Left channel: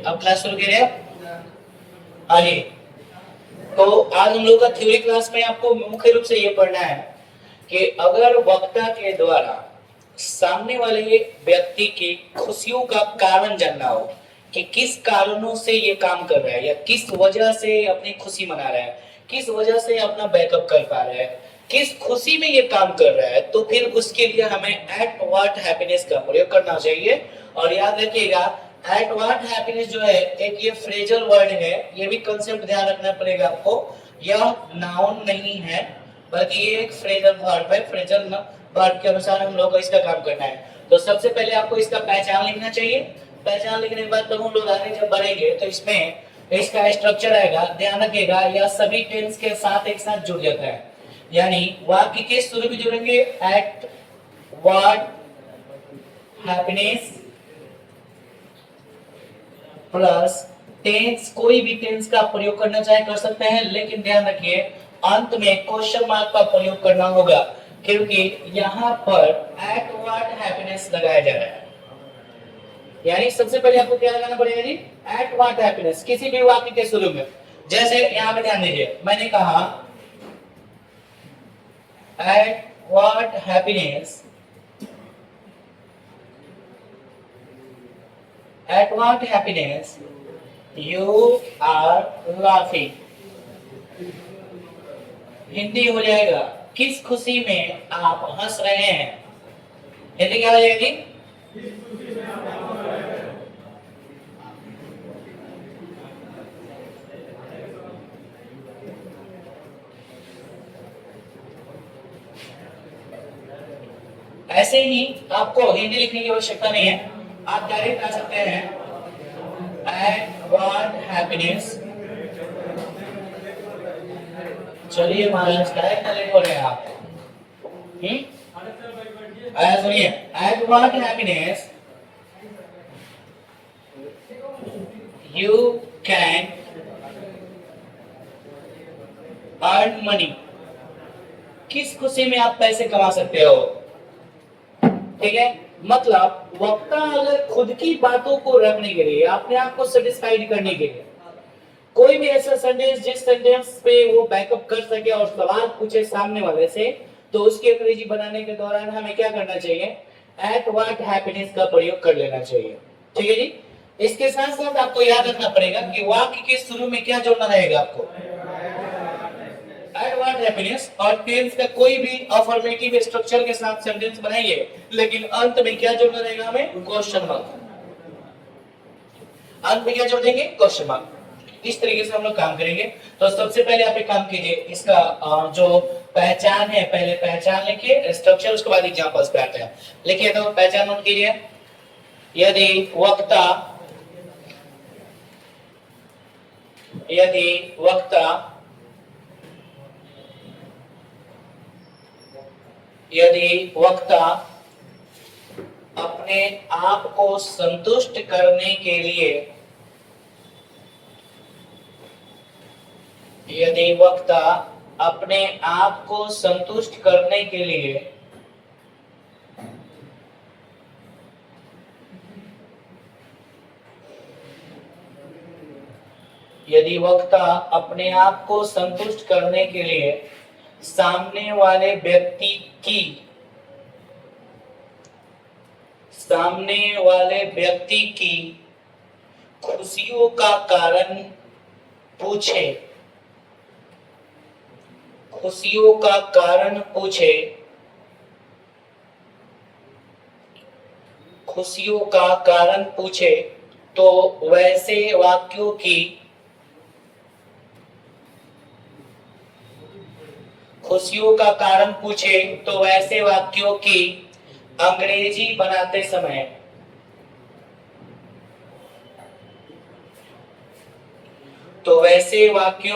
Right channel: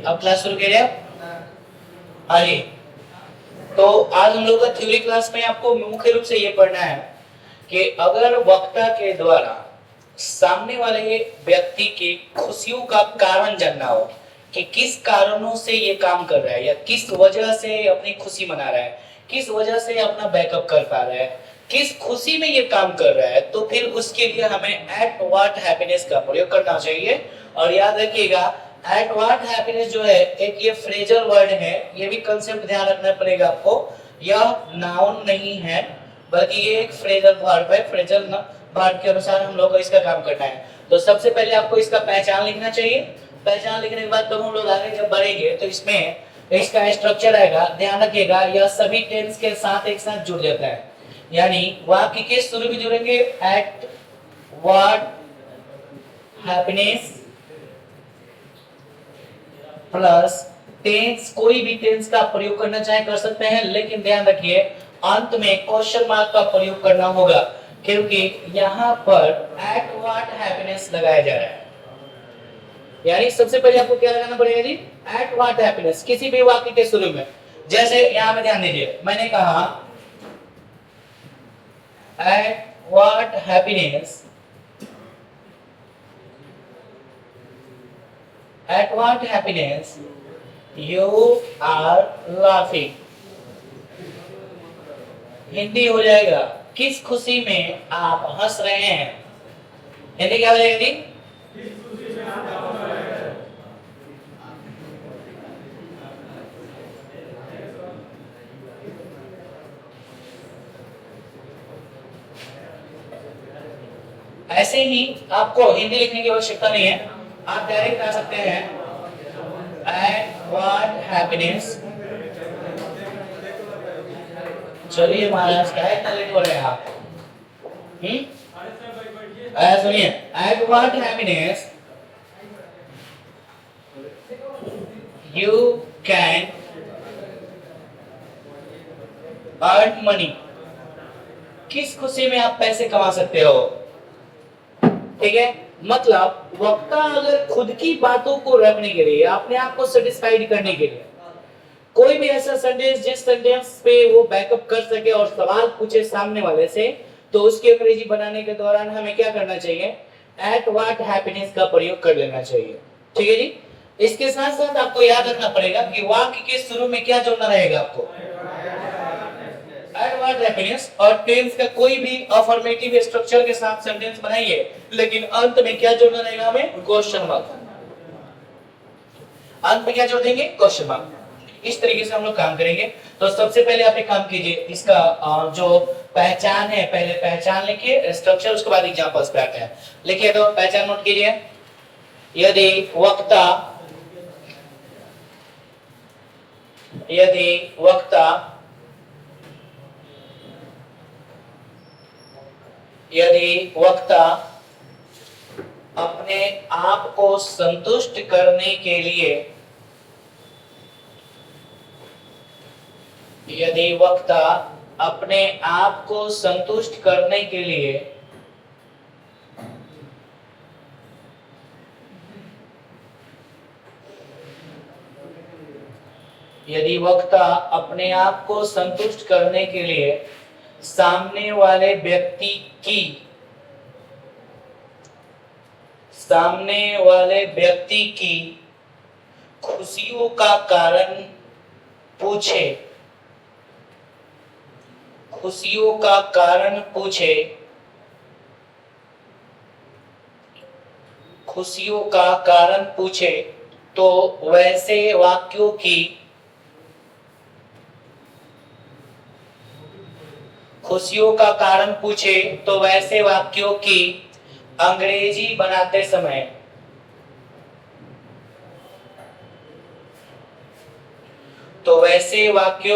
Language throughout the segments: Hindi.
अब क्लास शुरू करिए आगे। तो आज हम लोग का थ्योरी क्लास में आपको मुख्य रूप से ये पढ़ना है कि अगर वक्ता के द्वारा सामने वाले व्यक्ति की खुशियों का कारण जानना हो कि किस कारणों से ये काम कर रहा है या किस वजह से अपनी खुशी मना रहा है, किस वजह से अपना बैकअप कर पा रहा है, किस खुशी में ये काम कर रहा है, तो फिर उसके लिए हमें एट व्हाट हैप्पीनेस का प्रयोग करना चाहिए। और याद रखिएगा एट व्हाट हैप्पीनेस जो है एक ये फ्रेजल वर्ड है, ये भी कंसेप्ट ध्यान रखना पड़ेगा आपको। यह नाउन नहीं है बल्कि ये एक फ्रेजल वर्ब है। फ्रेजल वर्ब के अनुसार हम लोग को इसका काम करना है। तो सबसे पहले आपको इसका पहचान लिखना चाहिए। पहचान लिखने के बाद तो हम लोग आगे जब बढ़ेंगे तो इसमें इसका स्ट्रक्चर आएगा। ध्यान रखिएगा यह सभी टेंस के साथ एक साथ जुड़ जाता है, यानी वाक्य के शुरू में जुड़ेंगे eight what happiness plus tens, कोई भी टेंस का प्रयोग करना चाहे कर सकते हैं, लेकिन ध्यान रखिए अंत में क्वेश्चन मार्क का प्रयोग करना होगा क्योंकि यहाँ पर एट व्हाट हैप्पीनेस लगाया जा रहा है। यानी सबसे पहले आपको क्या लगाना पड़ेगा जी, एट व्हाट हैप्पीनेस किसी भी वाक्य के शुरू में। जैसे यहाँ पे ध्यान दीजिए, मैंने कहा at what happiness, at what happiness you are laughing. Hindi हो जाएगा किस खुशी में आप हंस रहे हैं। हिंदी क्या हो जाएगा जी, ऐसे ही आपको हिंदी लिखने की आवश्यकता नहीं है, आप डायरेक्ट आ सकते हैं एट व्हाट हैप्पीनेस। चलिए महाराज क्या इतना लेट हो रहे हैं आप, सुनिए eight what happiness you can earn money. किस खुशी में आप पैसे कमा सकते हो। ठीक है, मतलब वक्ता अगर खुद की बातों को रखने के लिए, अपने आप को सेटिस्फाइड करने के लिए कोई भी ऐसा सेंटेंस जिस सेंटेंस पे वो बैकअप कर सके और सवाल पूछे सामने वाले से, तो उसकी अंग्रेजी बनाने के दौरान हमें क्या करना चाहिए, एट व्हाट हैप्पीनेस का प्रयोग कर लेना चाहिए। ठीक है जी। इसके साथ साथ आपको याद रखना पड़ेगा कि वाक्य के शुरू में क्या जोड़ना रहेगा आपको, एट व्हाट हैप्पीनेस, और टेंस का कोई भी अफर्मेटिव स्ट्रक्चर के साथ सेंटेंस बनाइए, लेकिन अंत में क्या जोड़ना रहेगा हमें, क्वेश्चन मार्क। अंत में क्या जोड़ देंगे, क्वेश्चन मार्क। इस तरीके से हम लोग काम करेंगे। तो सबसे पहले आप एक काम कीजिए, इसका जो पहचान है पहले पहचान लिखिए, स्ट्रक्चर उसके बाद एग्जांपल्स पे आते हैं। लिखिए तो पहचान नोट कीजिए, यदि वक्ता अपने आप को संतुष्ट करने के लिए, यदि वक्ता अपने आप को संतुष्ट करने के लिए यदि वक्ता अपने आप को संतुष्ट करने के लिए सामने वाले व्यक्ति की खुशियों का कारण पूछे, तो वैसे वाक्यों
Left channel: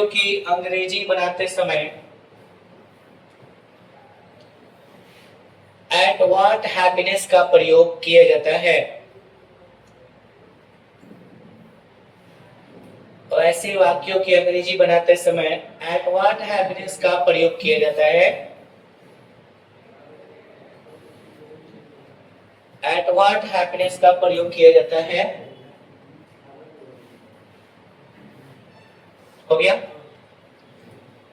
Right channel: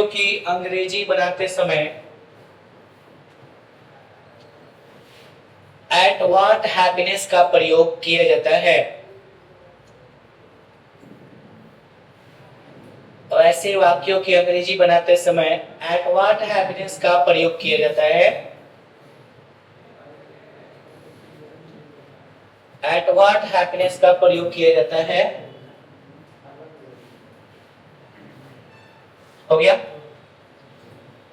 की अंग्रेजी बनाते समय एट व्हाट हैप्पीनेस का प्रयोग किया जाता है। तो ऐसे वाक्यों की अंग्रेजी बनाते समय एट व्हाट हैप्पीनेस का प्रयोग किया जाता है। एट व्हाट हैप्पीनेस का प्रयोग किया जाता है। हो गया।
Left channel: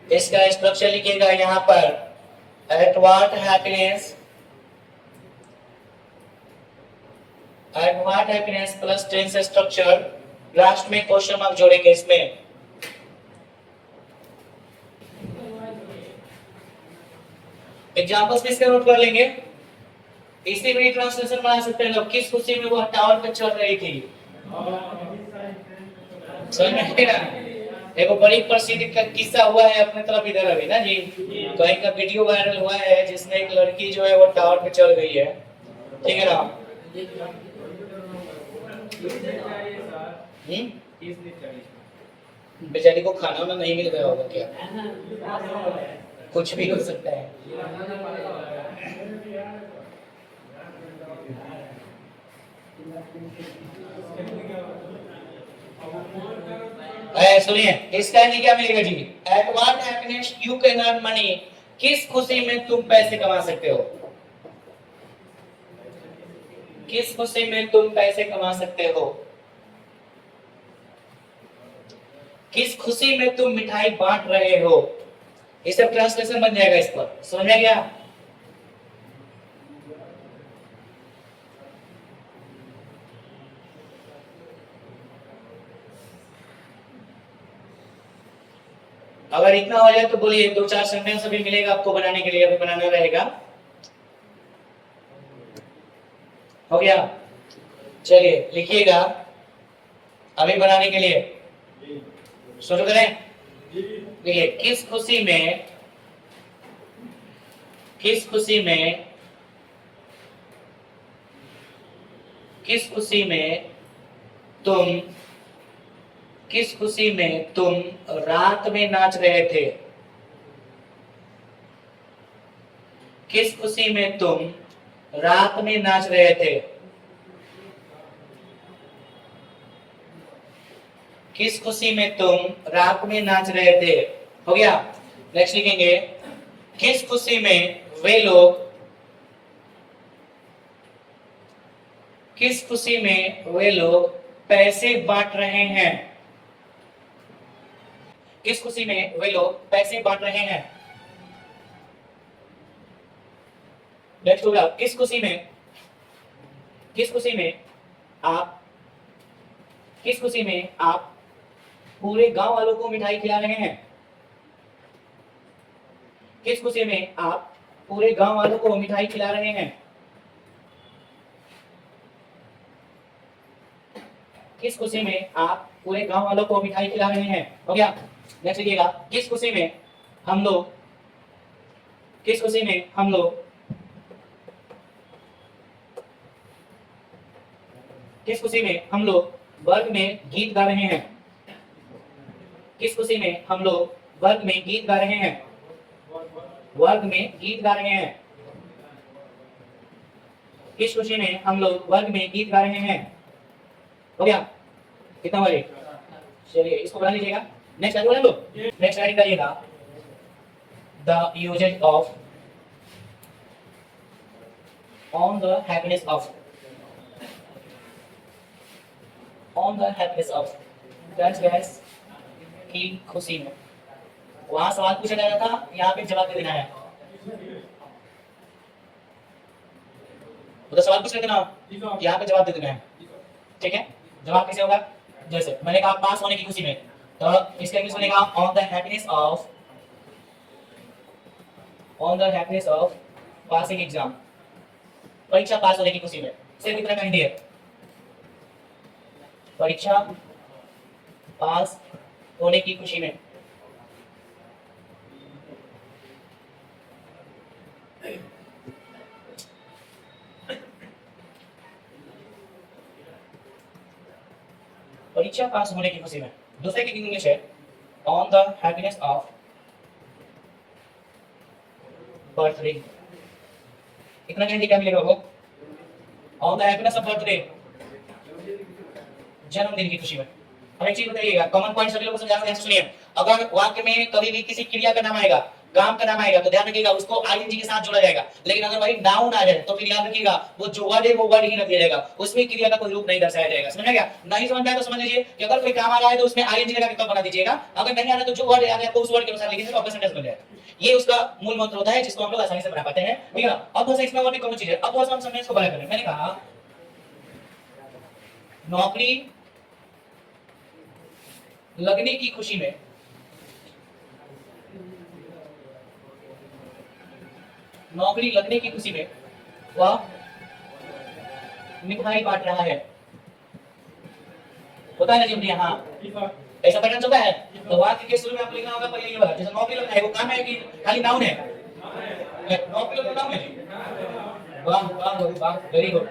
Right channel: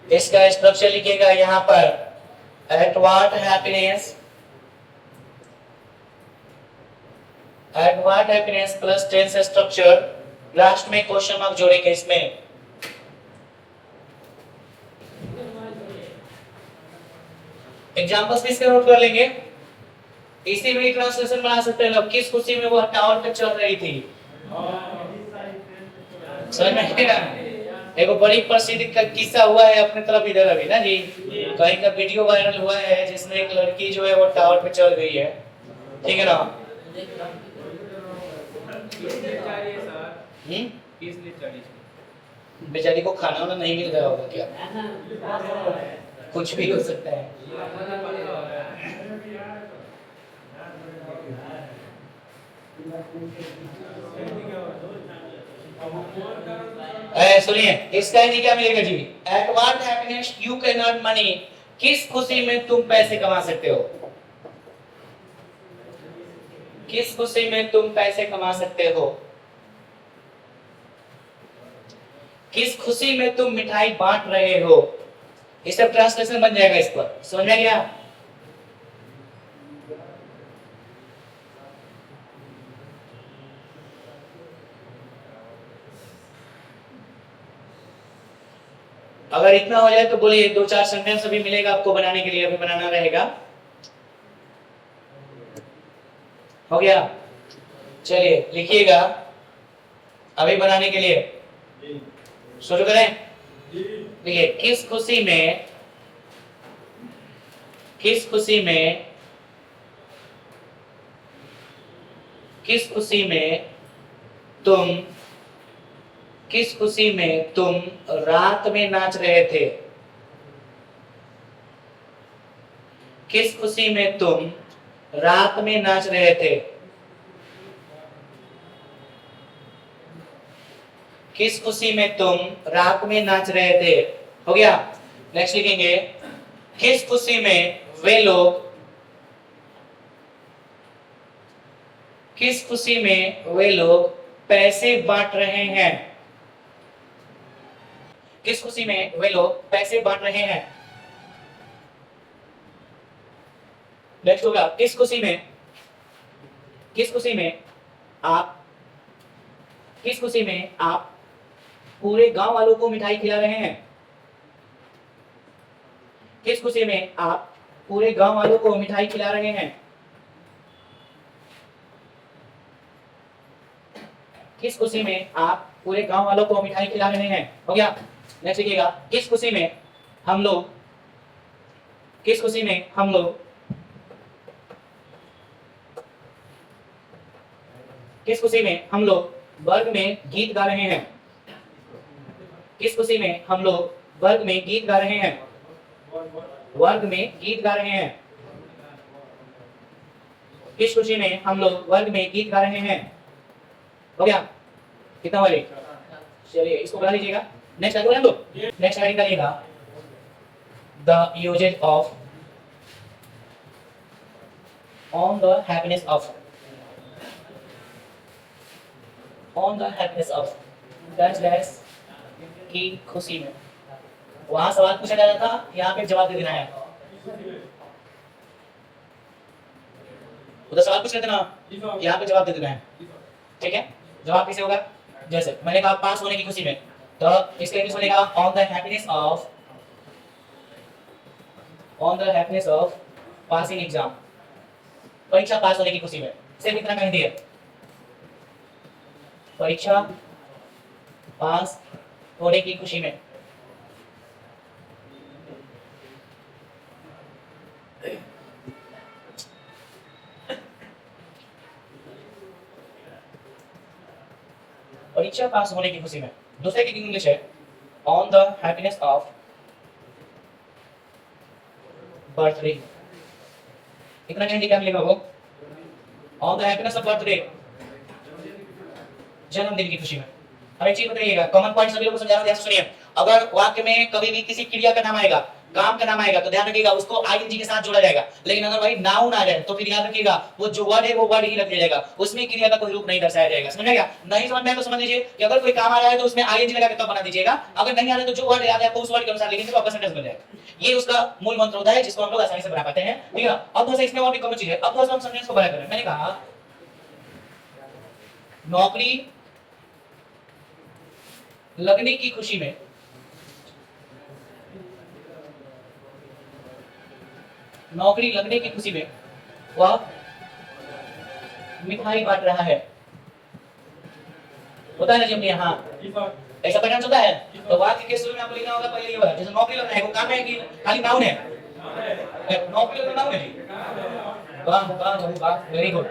इसका स्ट्रक्चर लिखिएगा यहां पर, eight what happiness plus tens structure, last में क्वेश्चन मार्क जोड़ेंगे इसमें। एग्जांपल्स किसके नोट कर लेंगे, इसी में ट्रांसलेशन बना सकते हैं लोग। किस खुशी में वो टावर पे चढ़ रही थी, समझ में आया? एक बड़ी प्रसिद्ध का किस्सा हुआ है अपने तरफ इधर अभी ना जी, कहीं का वीडियो वायरल हुआ है जिसमें एक लड़की जो है वो टावर पे चढ़ गई है, ठीक है ना? बेचारी को खाना वाना नहीं मिल गया होगा क्या, कुछ भी हो सकता है। सुनिए, इसका क्या मिलेगा जी, at what happiness you can earn money, किस खुशी में तुम पैसे कमा सकते हो, किस खुशी में तुम पैसे कमा सकते हो, किस खुशी में तुम मिठाई बांट रहे हो, ये सब ट्रांसलेशन बन जाएगा इस पर, समझ में गया? अगर इतना हो जाए तो बोलिए, दो चार सेंटेंस अभी मिलेगा आपको बनाने के लिए, अभी बनाना रहेगा। हो गया, चलिए लिखिएगा अभी बनाने के लिए शुरू करें। देखिए, किस खुशी में, किस खुशी में, किस खुशी में तुम, किस खुशी में तुम रात में नाच रहे थे, किस खुशी में तुम रात में नाच रहे थे, किस खुशी में तुम रात में नाच रहे थे। हो गया, नेक्स्ट लिखेंगे, किस खुशी में वे लोग, किस खुशी में वे लोग पैसे बांट रहे हैं, किस खुशी में वे लोग पैसे बांट रहे हैं। नेक्स्ट होगा, किस खुशी में, किस खुशी में आप, किस खुशी में आप पूरे गांव वालों को मिठाई खिला रहे हैं, किस खुशी में आप पूरे गांव वालों को मिठाई खिला रहे हैं, किस खुशी में आप पूरे गांव वालों को मिठाई खिला रहे हैं। हो गया, नेक्स्ट लिखिएगा, किस खुशी में हम लोग, किस खुशी में हम लोग, किस खुशी में हम लोग वर्ग में गीत गा रहे हैं, किस खुशी में हम लोग वर्ग में गीत गा रहे हैं, वर्ग में गीत गा रहे हैं, किस खुशी में हम लोग वर्ग में गीत गा रहे हैं। हो गया, कितना बजे, चलिए इसको बना लीजिएगा। नेक्स्ट लाइन बना लो, नेक्स्ट लाइन करिएगा, the uses of on the happiness of, on the happiness of, that's dash की खुशी में। वहां सवाल पूछा जा रहा था, यहाँ पे जवाब दे देना है। उधर सवाल पूछ रहे थे ना, यहाँ पे जवाब दे देना है, ठीक है? जवाब कैसे होगा, जैसे मैंने कहा पास होने की खुशी में, तो इसका इंग्लिश बनेगा on the happiness of, on the happiness of passing exam, परीक्षा पास होने की खुशी में। सिर्फ इतना कहना है, परीक्षा पास होने की खुशी में। परीक्षा पास होने की खुशी में। दूसरे की इंग्लिश है on the happiness of birthday. इतना क्या क्या मिलेगा वो, on the happiness of birthday, जन्मदिन की खुशी में। अब एक चीज बताइएगा, कॉमन पॉइंट सभी लोगों को समझाना, ध्यान से सुनिए। अगर वाक्य में कभी भी किसी क्रिया का नाम आएगा काम का नाम आएगा तो ध्यान रखिएगा उसको आईएनजी के साथ जोड़ा जाएगा। लेकिन अगर भाई नाउन आ जाए तो फिर याद रखिएगा वो जो वर्ड है वो वर्ड ही रख दिया जाएगा, उसमें क्रिया का कोई रूप नहीं दर्शाया जाएगा। समझ गया? नहीं समझ में आया तो समझ लीजिए कि अगर कोई काम आ रहा है तो उसमें आईएनजी लगा के तब बना दीजिएगा, अगर नहीं आ रहा है तो जो वर्ड याद है आपको उस वर्ड के अनुसार लिखेंगे तो आपका सेंटेंस बन जाएगा। ये उसका मूल मंत्र होता है जिसको हम लोग आसानी से बना पाते हैं। ठीक है? अब थोड़ा सा इसमें और भी कम चीज है। अब थोड़ा सा हम सेंटेंस को बड़ा करें। मैंने कहा नौकरी लगने की खुशी में नौकरी लगने की खुशी में वह मिठाई बांट रहा है। होता है ना जी अपने यहाँ ऐसा पैटर्न होता है। तो वाक्य के शुरू में आपको लिखना होगा पहले ये वाला, जैसे नौकरी लगना है वो काम है कि खाली नाउन है? नौकरी लगना नाउन है। वाह वाह वाह, वेरी गुड।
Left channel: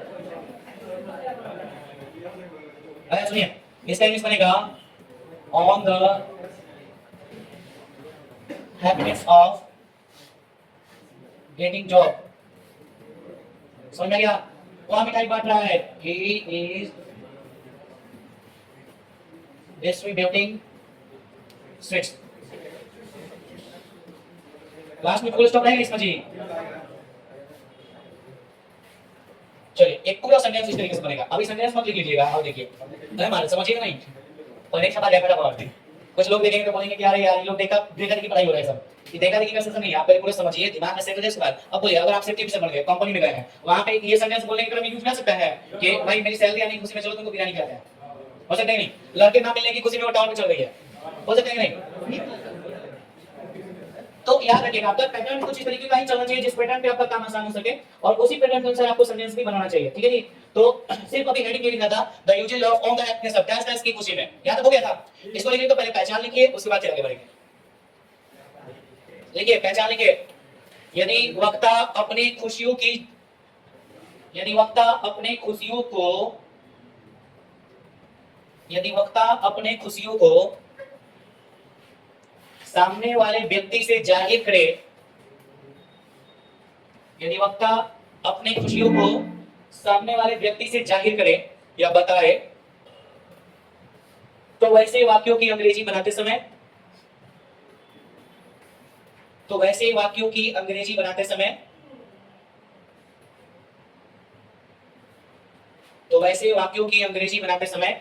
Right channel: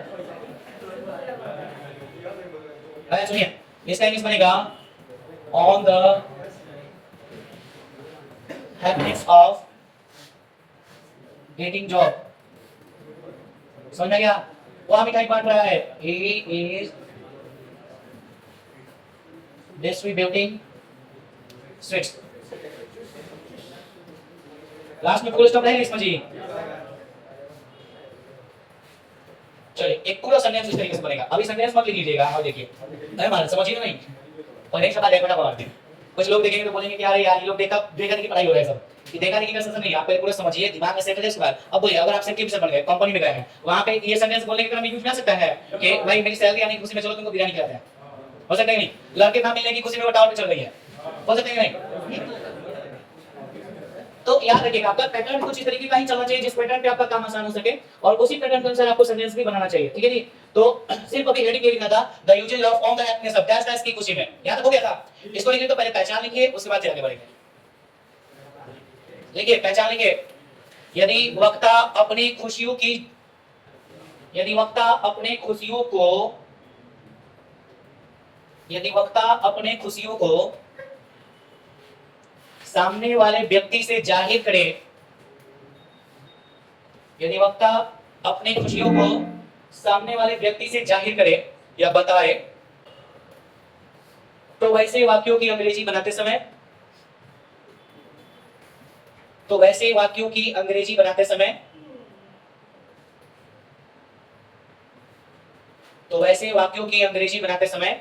अरे सुनिए, इसका इंग्लिश बनेगा on the happiness of getting job. समझ में गया? वह मिठाई बांट रहा है। He is distributing sweets। Last में फुल स्टॉप रहेगा इसमें जी। चलिए एक पूरा सेंटेंस इस तरीके से बनेगा। अभी सेंटेंस मत लिख लीजिएगा, आप देखिए हमारे समझिएगा नहीं और एक सवाल है फटाफट। कुछ लोग देखेंगे तो बोलेंगे कि यार ये लोग देखा देखा की पढ़ाई हो रहा है सब। ये देखा देखी का सेशन नहीं, आप पहले पूरा समझिए, दिमाग में सेट करिए उसके बाद अब बोलिए। अगर आप सेफ्टी ऑफिसर बन गए, कंपनी में गए हैं, वहां पे ये सेंटेंस बोलने के क्रम में यूज कर सकता है कि भाई मेरी सैलरी आने की खुशी में चलो तुमको बिरयानी खिलाते हैं। हो सकता है नहीं? लड़के ना मिलने की खुशी में वो टाउन में चल गई है। हो सकता है नहीं? तो याद रखिएगा आपका पैटर्न कुछ इस तरीके का ही चलना चाहिए जिस पैटर्न पे आपका काम आसान हो सके और उसी पैटर्न के अनुसार आपको सेंटेंस भी बनाना चाहिए। ठीक है जी? तो सिर्फ अभी हेडिंग ये लिखना था the uses of on the happiness of dash dash की खुशी में। याद हो गया था? इसको लिखिए तो पहले पहचान लिखिए, उसके बाद फिर आगे बढ़ेंगे। देखिए पहचान लिखिए। यदि वक्ता अपनी खुशियों की यदि वक्ता अपने खुशियों को सामने वाले व्यक्ति से जाहिर करे, यदि वक्ता अपनी खुशियों को सामने वाले व्यक्ति से जाहिर करे या बताए तो वैसे वाक्यों की अंग्रेजी बनाते समय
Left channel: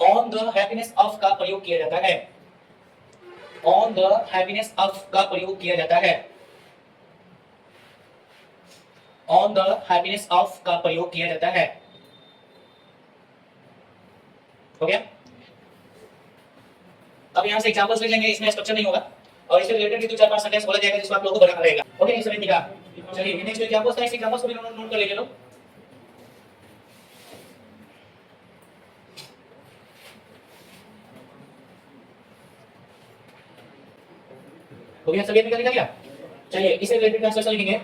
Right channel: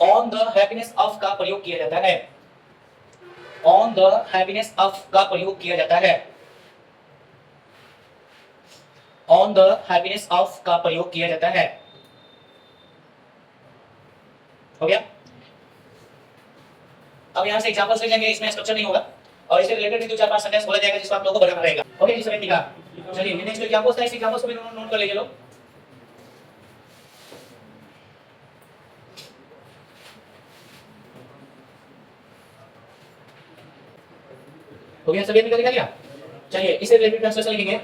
ऑन द हैप्पीनेस ऑफ का प्रयोग किया जाता है। ऑन द हैप्पीनेस ऑफ का प्रयोग किया जाता है। ऑन द हैप्पीनेस ऑफ का प्रयोग किया जाता है। हो गया? अब यहां से एग्जांपल्स ले जाएंगे, इसमें स्ट्रक्चर नहीं होगा और इससे रिलेटेड भी दो चार पांच सेंटेंस बोला जाएगा जिसको आप लोगों को बनाना रहेगा। ओके इस समय लिखा। चलिए नेक्स्ट एग्जांपल्स का, इस एग्जांपल्स को भी नोट कर लीजिए लोग। तो यहां सभी निकल गया। चलिए इसे रिलेटेड ट्रांसलेशन लिखेंगे।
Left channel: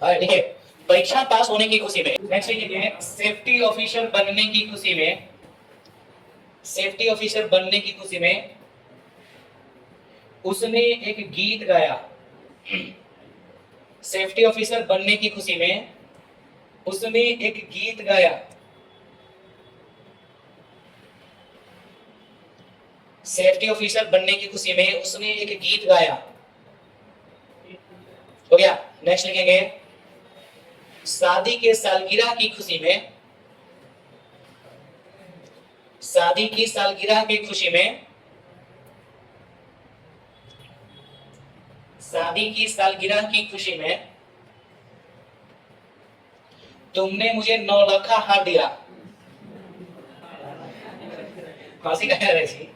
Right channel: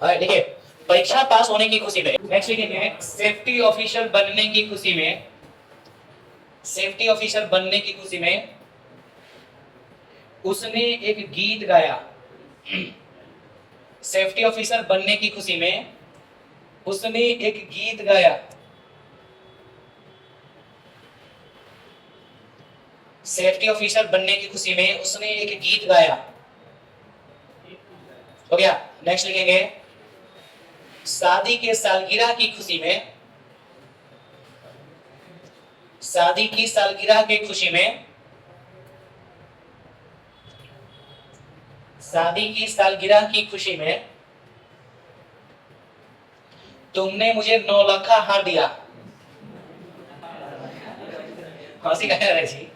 देखिए परीक्षा पास होने की खुशी में, नेक्स्ट लिखेंगे सेफ्टी ऑफिसर बनने की खुशी में। सेफ्टी ऑफिसर बनने की खुशी में उसने एक गीत गाया। सेफ्टी ऑफिसर बनने की खुशी में उसने एक गीत गाया। सेफ्टी ऑफिसर बनने की खुशी में उसने एक गीत गाया। हो गया? नेक्स्ट लिखेंगे शादी के सालगिरह की खुशी में, शादी की सालगिरह की खुशी में, शादी की सालगिरह की खुशी में तुमने मुझे 9 लाख हार दिया। फांसी का है जी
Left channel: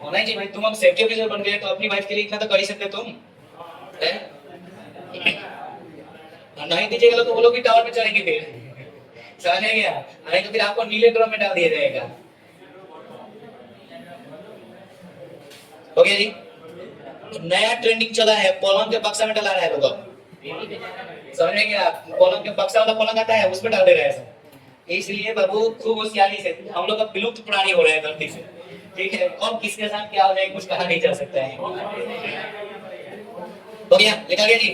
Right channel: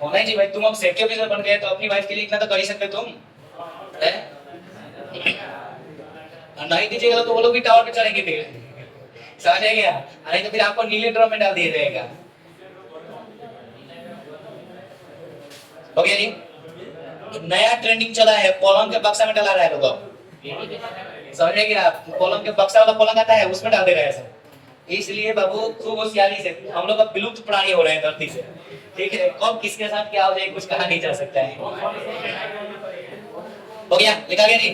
होना ही जी भाई, तुम अब सेफ्टी ऑफिसर बन गए तो अपनी वाइफ के लिए इतना तो कर ही सकते तुम है? नहीं दीजिएगा तो वो लोग भी टावर पे चढ़ेंगे फिर। समझ गया? नहीं तो फिर आपको नीले ड्रम में डाल दिया जाएगा। हो गया जी? नया ट्रेंडिंग चला है, पलंग के बक्सा में डाला रहा है लोग। समझ में गया? पलंग के बक्सा वाला पलंग आता है उसमें डाल दे रहा है। इसलिए बाबू खूब होशियारी से, हम लोग अब विलुप्त प्राणी हो रहे हैं धरती से। ठीक है? कौन किसके साथ क्या हो जाए कुछ कहा नहीं जा सकता है। हो गया? लिखा गया जी?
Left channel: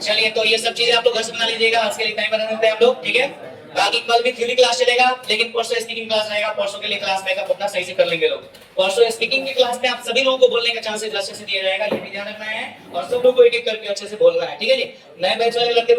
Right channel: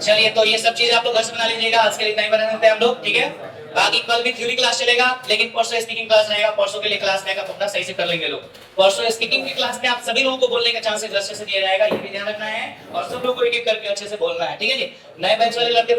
चलिए तो ये सब चीजें आप लोग घर से बना लीजिएगा। आज के लिए इतना ही बना देते हैं हम लोग। ठीक है? बाकी कल भी थ्योरी क्लास चलेगा, लेकिन परसों स्पीकिंग क्लास रहेगा। परसों के लिए क्लास बैकअप अपना सही से कर लेंगे लोग। परसों स्पीकिंग की क्लास में आप सभी लोगों को बोलने का चांसेस अच्छे से दिया जाएगा, ये भी ध्यान रखना है, और सब लोग को एक एक करके अच्छे से बोलना है, ठीक है जी। नए बैच वाले लड़के